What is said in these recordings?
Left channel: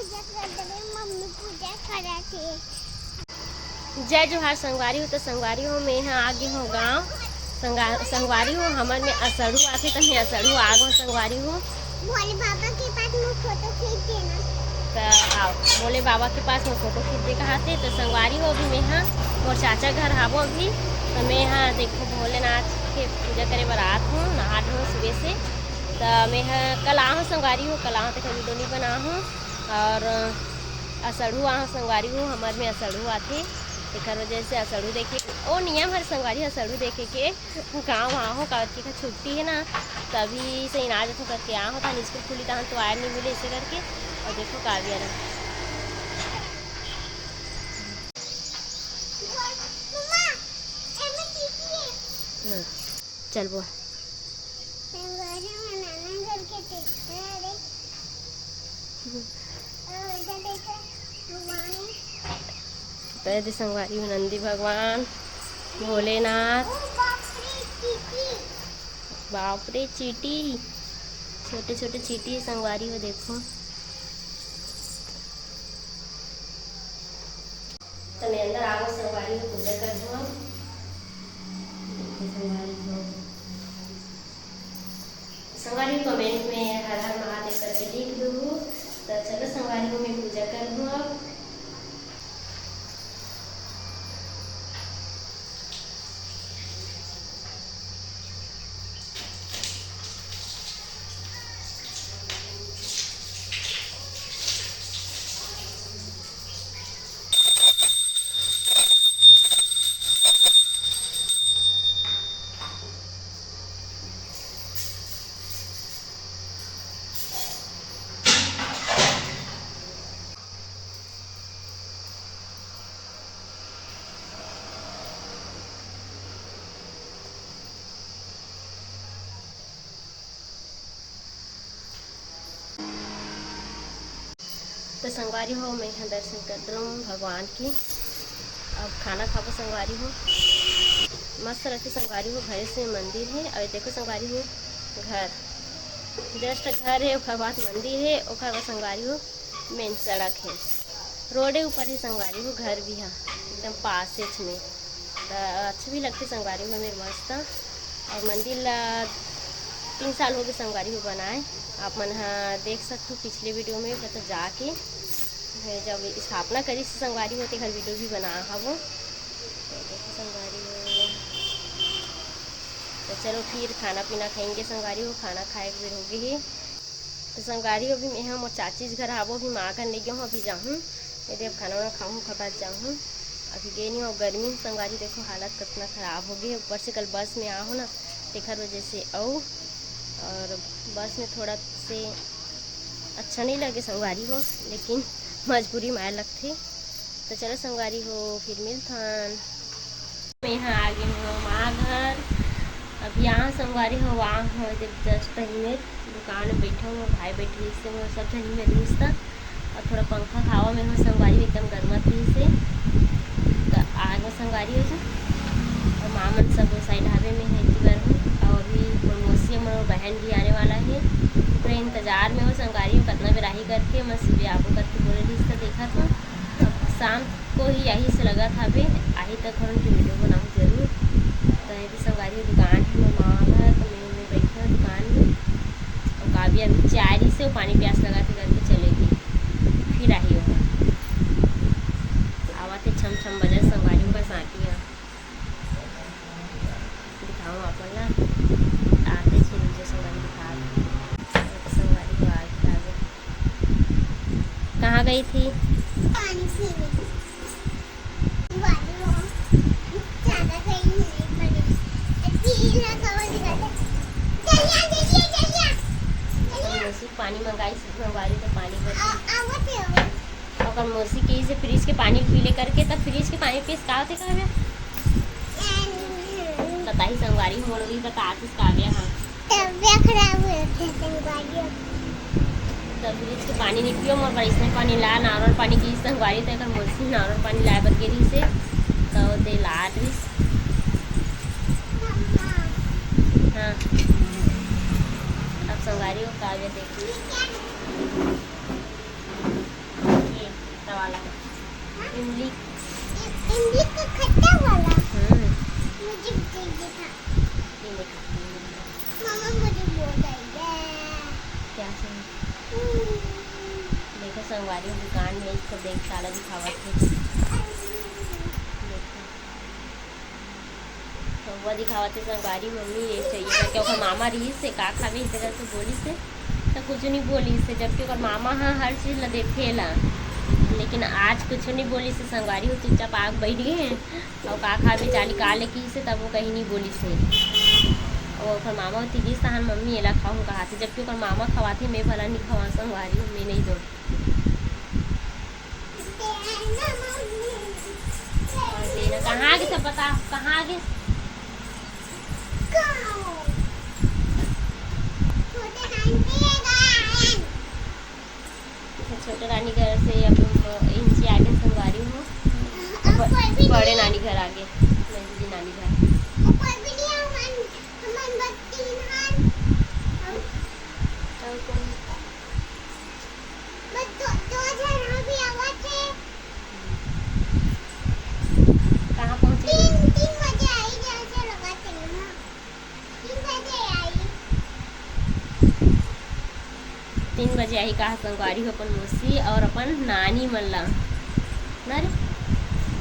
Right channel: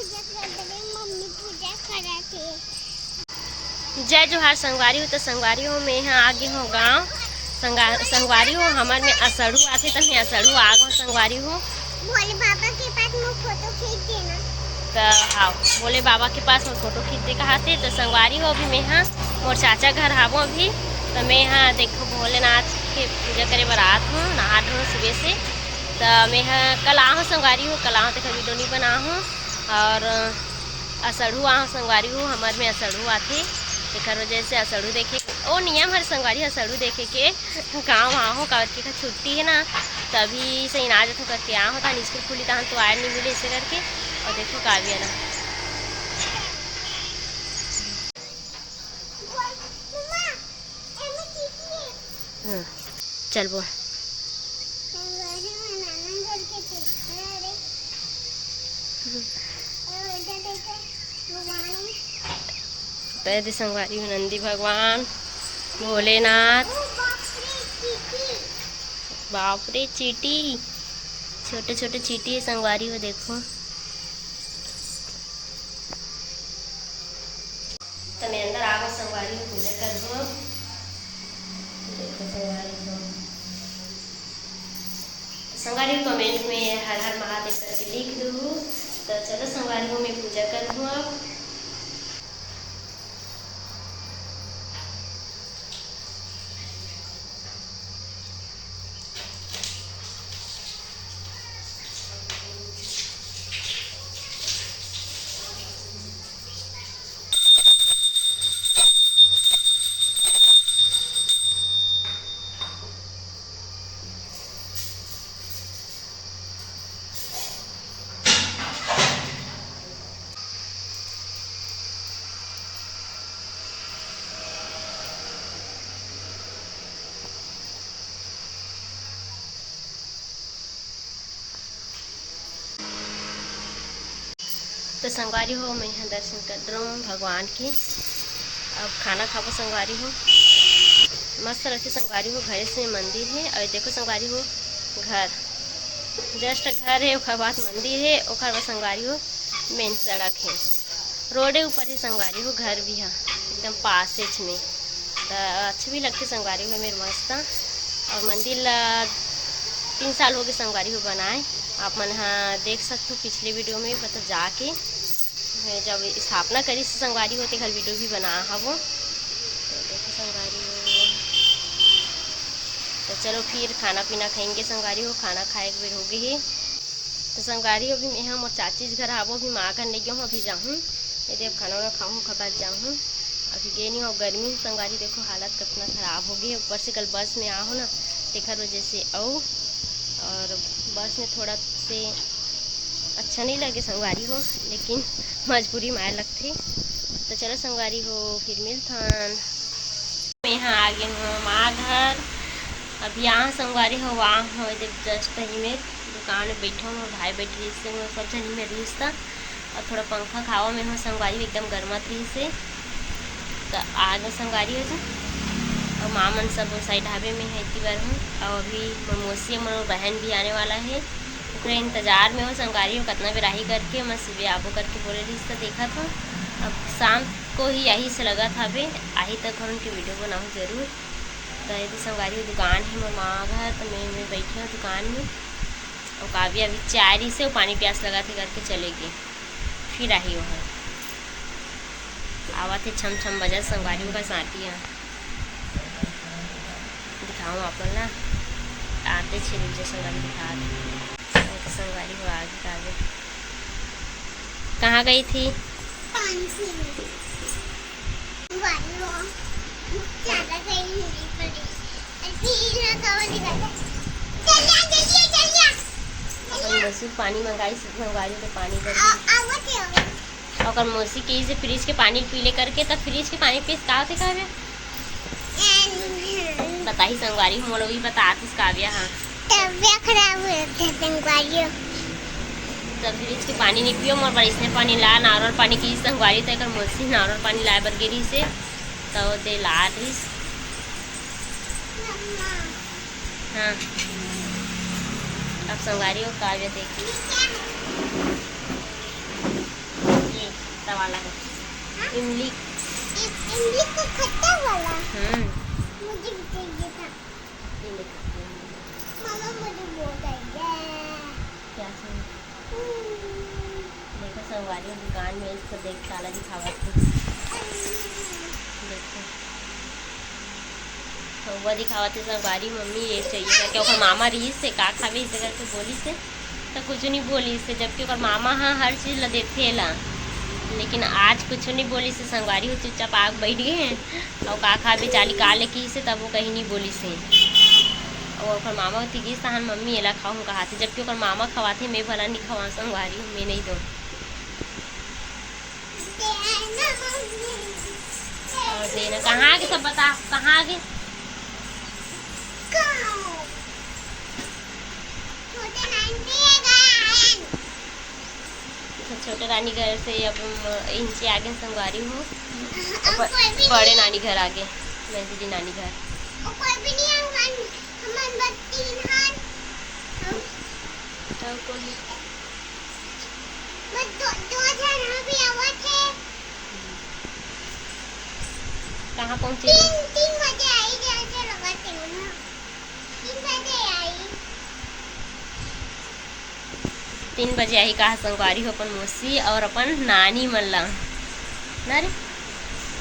पूजा कर रहे, मम्मी पूजा करा थी। जय जोहार संगवारी हो। तो संगवारी हो मैं यहाँ आगे हो गाँव संगवारी हो हमारे में असड़ू आते तो मैं असड़ू आग हो संगवारी हो। भोले बाबा के पास मैं फोटो खींच देना। तो आओ भोले बाबा के पास मैं फोटो खींच दे कहते। तो संगवारी हो अभी मैं यहाँ मोर चाचा घर आवो अभी। तो मैं यहाँ देखो भोलेनाथ के पूजा करे बारात हूँ नहा धो सुबह से। तो मैं यहाँ कल आहूँ संगवारी हो कल आहूँ तो वीडियो नहीं बना हूँ। और असड़ू आहूँ संगवारी हो हमारे में असड़ू आते एक वजह से असड़ू देखे ओ नियम हर संगवारी असड़ू देखे के गाँव आहो करके का छुट्टी है ना तभी से इनाज तो करके आ होता स्कूल खुली था तो आयर नहीं मिले इसे करके। और देखो काव्य ना चल वो तो संगवारी नंदी भगवान भोलेनाथ। बाप रे चीटी छोटे छोटे चीटी है संगवारी हो देखो। तो मैं अंदर आगो संगवारी हो पूजा कर दो। संगवारी कमेंट में हर हर महादेव करके लिख दो। तो चलो संगवारी हो मैं पूजा कर दूँ अब। तो संगवारी हो मैं यहाँ दर्शन कर रहा हूँ भगवान की। अब खाना खाबो संगवारी हो मस्त रहती संगवारी हो। घर से मंदिर है और देखो संगवारी हो घर जस्ट घर है ओकर बाद मंदिर है ओकर बाद संगवारी हो मेन सड़क है रोडे ऊपर ही संगवारी हो घर भी है एकदम पासेज में। तो अच्छे भी लगते संगवारी हो मेरे मस्त। और मंदिर 3 साल हो गए संगवारी हो बनाए। आप मन हाँ देख सकते हो पिछले वीडियो में मतलब जाके जब स्थापना करी संगवारी होते घर वीडियो भी बना हवो। तो देखो संगवारी हो। तो चलो फिर खाना पीना खाएंगे संगवारी हो खाना खाए के बेर हो गई है। तो संगवारी हो भी मैं मोर चाची घर आवो भी माँ घर नहीं गई अभी जाऊँ यदि अब खाना वाना खाऊँ खा जाऊँ अभी गए नहीं हो। गर्मी संगवारी देखो हालत कितना ख़राब हो गई। ऊपर से कल बस में आओ ना तेखर वजह से आओ और बस में थोड़ा से अच्छा नहीं लगे संगवारी हो लेकिन मजबूरी मार लगते। तो चलो संगवारी हो फिर मिलथन। मैं यहाँ आ गई हूँ माँ घर। अब यहाँ संगवारी हो वहाँ हो जस्ट ही में दुकान में बैठा हूँ भाई बैठ रही से सब जनी में रही था और थोड़ा पंखा खावा में हो संगवारी एकदम गर्मा थी से। तो आगे संगवारी हो और माँ मन सब साइड ढाबे में है इतनी बार हूँ। और अभी मौसी और बहन भी आने वाला है पूरे इंतज़ार में हो संगवारी हो कितना बेराही करके मैं सुबह आपको करके बोले रही तो देखा था। अब शाम को ही यही से लगा था अभी आई तक और उनकी वीडियो बनाऊँ ज़रूर। तो यदि संगवारी हो दुकान है मेरे माँ घर तो मैं बैठी हूँ दुकान में। और काव्य अभी चाय रही से वो पानी प्यास लगा थे करके चलेगी फिर आई हो आवा थे छम छम बजा संगवारी का साटियाँ दिखाऊँ आप ना आते छे नीचे संगवारी दिखा दो। संगवारी को आगे कहाँ गई थी पानी मंगाई संगवारी तो पानी अगर मौसी के से फ्रिज के पानी पी ले करके तब फ्रिज के पानी पीस का होते काव्या बताई संगवारी मोलो भी बताती काव्या। हाँ तबियत खराब हो संगवारी तो फ्रिज के पानी नहीं पियो मोर बारिश में पानी ला नारल पानी की संगवारी तक मौसी नारल पानी लाए बर गिरी से तो दे ला रही। हाँ अब संगवारी हो काव्य देखी इमली इमली को खट्टा वाला मुझे चाहिए था। मामा मुझे बोल रही है क्या देखो संगवारी दुकान में इसको देख साला दिखावा थे। देखो कौवा दिखावा थे संगवारी मम्मी ये चाहिए था क्या मामा रही से का खावे इसे करके बोली से तो कुछ नहीं बोली से, जबकि और मामा हाँ हर चीज़ ला देते ला, लेकिन आज कुछ नहीं बोली से। संगवारी हो चुपचाप आग बैठ गए हैं और का खा बेचारी का लेकी से तब वो कहीं नहीं बोली से। और ओकर मामा होती गई सहन मम्मी एला खाऊँ कहा थे, जबकि ओकर मामा खवाते मैं भला नहीं खवा संगवारी हूँ मैं नहीं दूँ। और देना कहाँ आगे सब बता कहाँ आगे छोटे नानी घर से अब इनसे आगे संगवारी हूँ बड़े नानी घर आगे नजदीकी नानी घर। कहाँ पहुँची 3 बजे आई जैसे लगा 3 बजे आई 3 बजे आई कहा संगवारी हो अपन मौसी और अपन नानी मल्ला ना रे।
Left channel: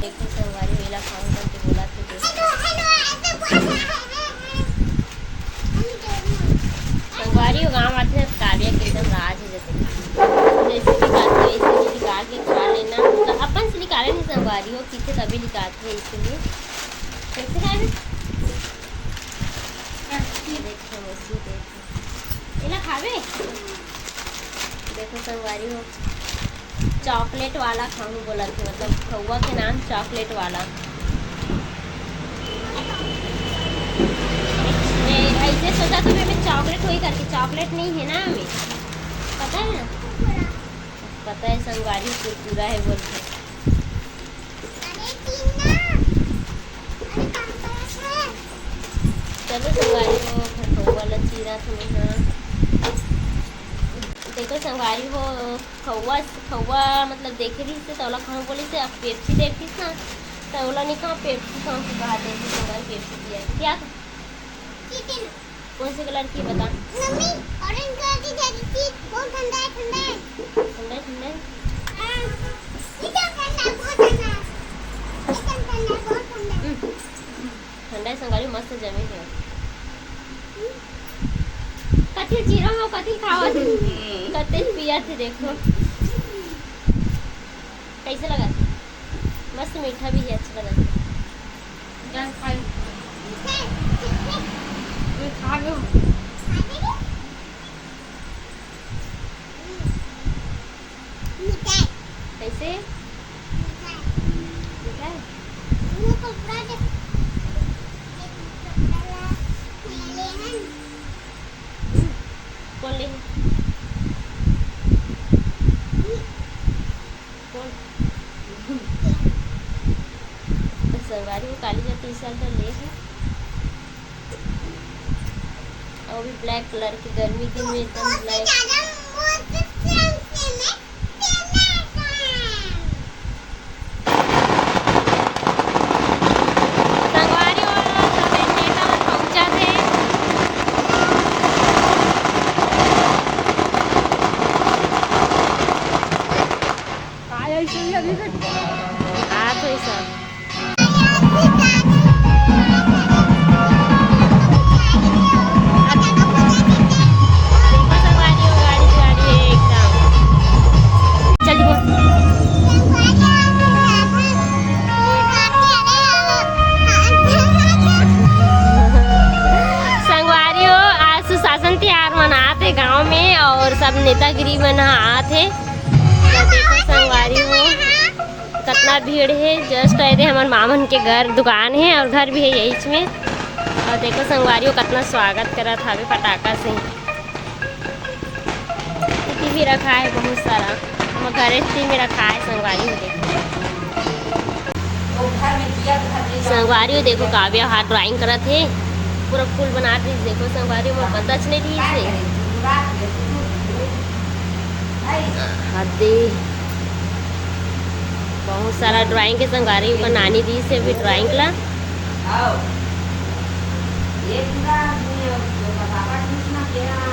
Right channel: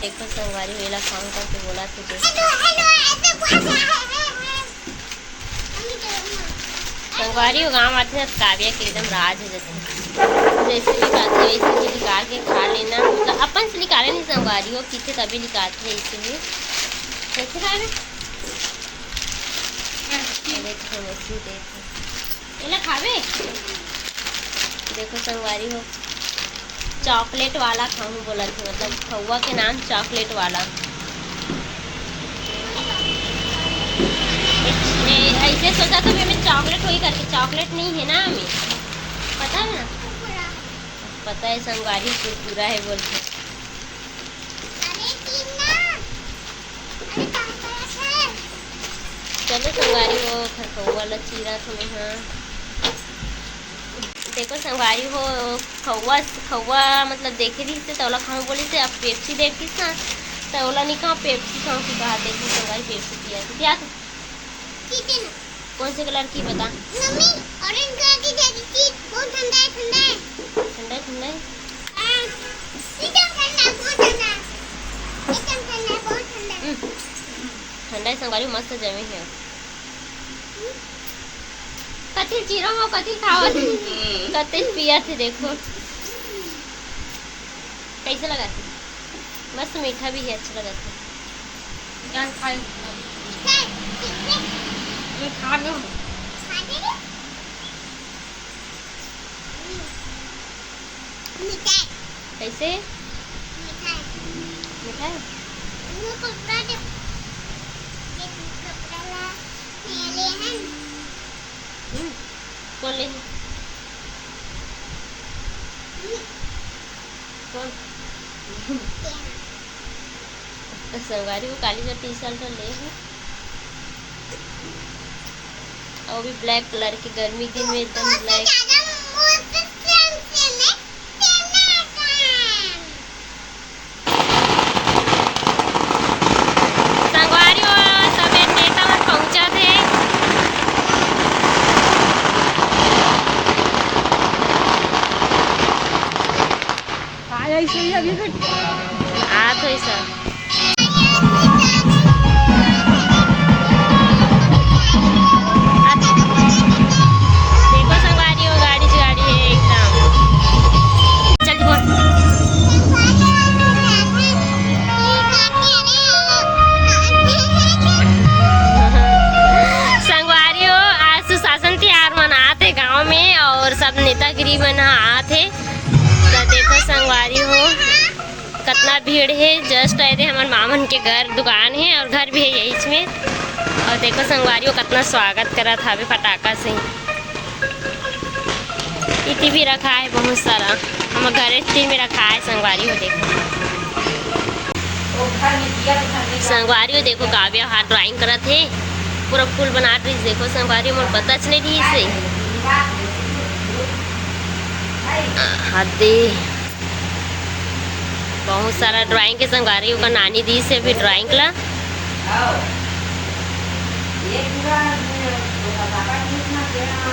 देखो संगवारी वेला खाऊं करके बोला तो संगवारी हो गाँव आते हैं काव्या के एकदम राज हो जाते जैसे भी बात है वैसे निकाल के खा लेना, तो अपन से निकाले नहीं संगवारी हो कितने तभी निकालते हैं इसलिए कैसे खाए खावे। देखो संगवारी हो चॉकलेट वाला खाऊं बोला थे, मतलब कौवा के नाम चॉकलेट वाला। मैं ऐसे सोचा तो मैं चॉकलेट वही करके चॉकलेट नहीं है ना हमें पता है ना, पता है संगवारी कुरकुरा है बोल के। चलो संगवारी हो खरखौवा वाला चीरा तो हाँ देखो संगवारी हो खौवा मतलब देखे रही से तौला खाऊं बोली से अब पेप्सी देखी ना तौला नहीं खाऊं पेप्सी खाऊं की कहा देखी संगवारी पेप्सी पिया क्या था कौन से कलर की बता मम्मी ऑरेंज कलर की जैसी चीज बहुत ठंडा है ठंडा है एकदम ठंडा बहुत ठंडा एकदम ठंडा बहुत ठंडा ठंडा है संगवारी मस्त जमी है कथी जीरो हो कथी खावा कते पिया थे देखो कैसे लगा मस्त मीठा भी है अच्छा लगा क्या खाई खा लो कैसे मीठा वो कपड़ा दे कपड़ा ला ले हैं कौन ले कौन संगवारी वो काली का टी शर्ट ले है और भी ब्लैक कलर की गर्मी दिन में एकदम ब्लैक संगवारी और सब नेता में पहुंचा थे आ तो सर देखो संगवारी हो गाड़ी से गाड़ी है एकदम चल संगवारी हो आज सुशासन त्योहार मनाते गांव में और सब नेतागिरी मनाते तो देखो संगवारी हो कितना भीड़ है। जस्ट आए थे हमारे मामन के घर दुकान है और घर भी है यही इसमें और देखो संगवारी को कितना स्वागत करा था अभी पटाखा से इतनी भी रखा है बहुत सारा हम घर इतनी में रखा है संगवारी हो देखो संगवारी हो देखो काव्या हाथ ड्राइंग करा थे पूरा फूल बना रही देखो संगवारी मुझे पता चले रही इससे हाथ दे बहुत सारा ड्राइंग के संगारी का नानी दी से भी ड्राइंग ला।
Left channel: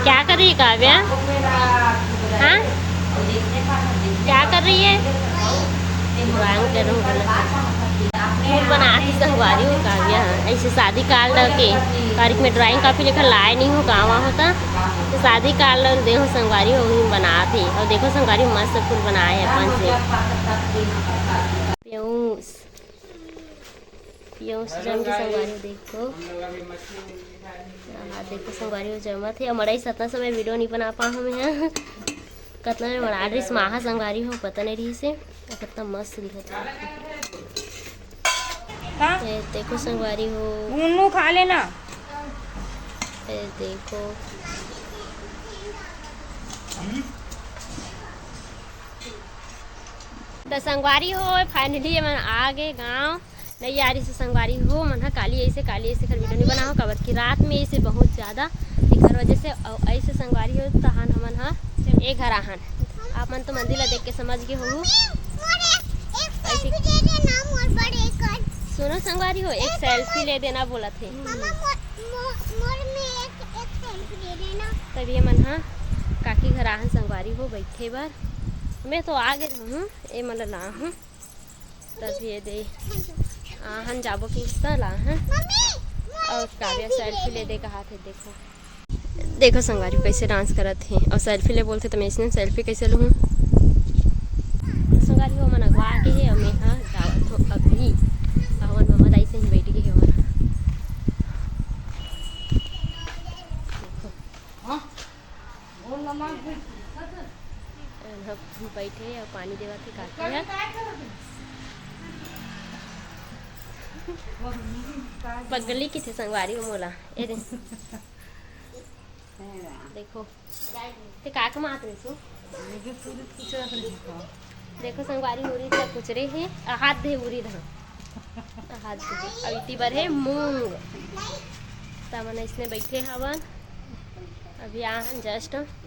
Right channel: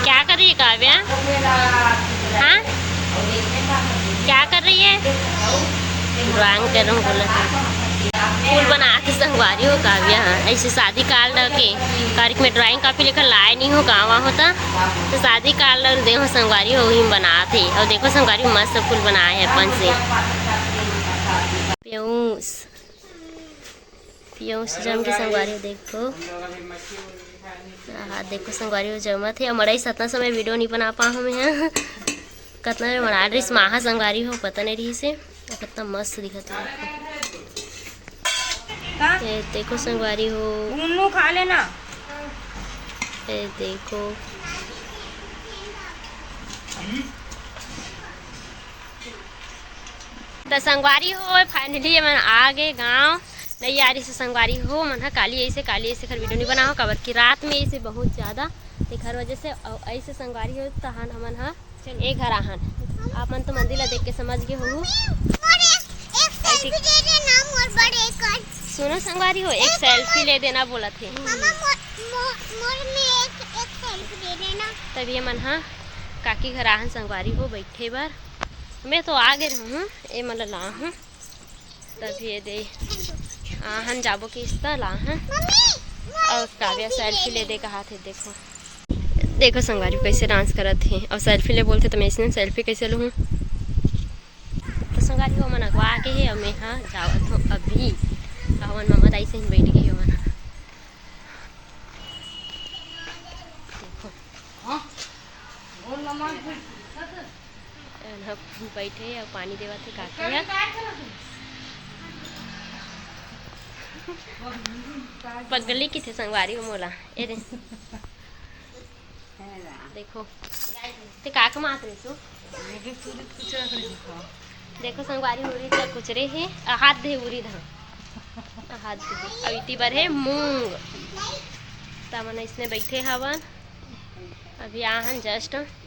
क्या कर रही है काव्या? हाँ क्या कर रही है? ड्राइंग कर रहा हूँ बोला फूल बनाते संगवारी हो काव्या। ऐसे शादी कार्ड के तारीख में ड्राइंग कापी लेकर लाए नहीं हो गाँव होता तो शादी कार्ड देखो संगवारी हो वही बनाते। और देखो संगवारी मस्त फूल बनाए हैं अपन से। प्यूस जम के संगवारी देखो। हाँ देखो संगवारी हो जमा थे। और मड़ाई सतना समय वीडियो नहीं बना पा हमें यहाँ कितना बना ड्रेस महा संगवारी हो पता नहीं रही से कितना मस्त दिखता है। ये देखो संगवारी हो खा लेना। ये देखो तो संगवारी हो फाइनली मन आ गए गाँव। नहीं यार इसे संगवारी हो मन काली ऐसे खर वीडियो नहीं बनाओ कबर की रात में इसे बहुत ज़्यादा घर वजह से ऐसे संगवारी हो तहन हमन हाँ एक घर आहन आप मन तो मंदिर देख के समझ गए हो। सुनो संगवारी हो एक सेल्फी ले देना बोला थे तभी मन हाँ काकी घर आहन संगवारी हो बैठे बार। मैं तो आ गए हूँ ये मतलब ला हूँ तभी ये दे आहन जाबो कि इस ला हूँ। और काव्या सेल्फी ले दे कहा थे देखो देखो संगवारी कैसे डांस करत थे और सेल्फी ले बोलते तो मैं इसने सेल्फी कैसे लूँ। तो संगवारी हो मन अगवा के है और मैं हाँ जावत हूँ अभी हवन मामा दाई से ही बैठ गई हो मन। देखो बैठे और पानी देवा थे काकी है पगली की थे संगवारी को मोला ए देखो ते काक मात रही सो देखो संगवारी हो रही था कुछ रे है हाथ दे उरी धा हाथ दे अब इतनी बार है मूंग तमन इसने बैठे हवन अभी आहन जस्ट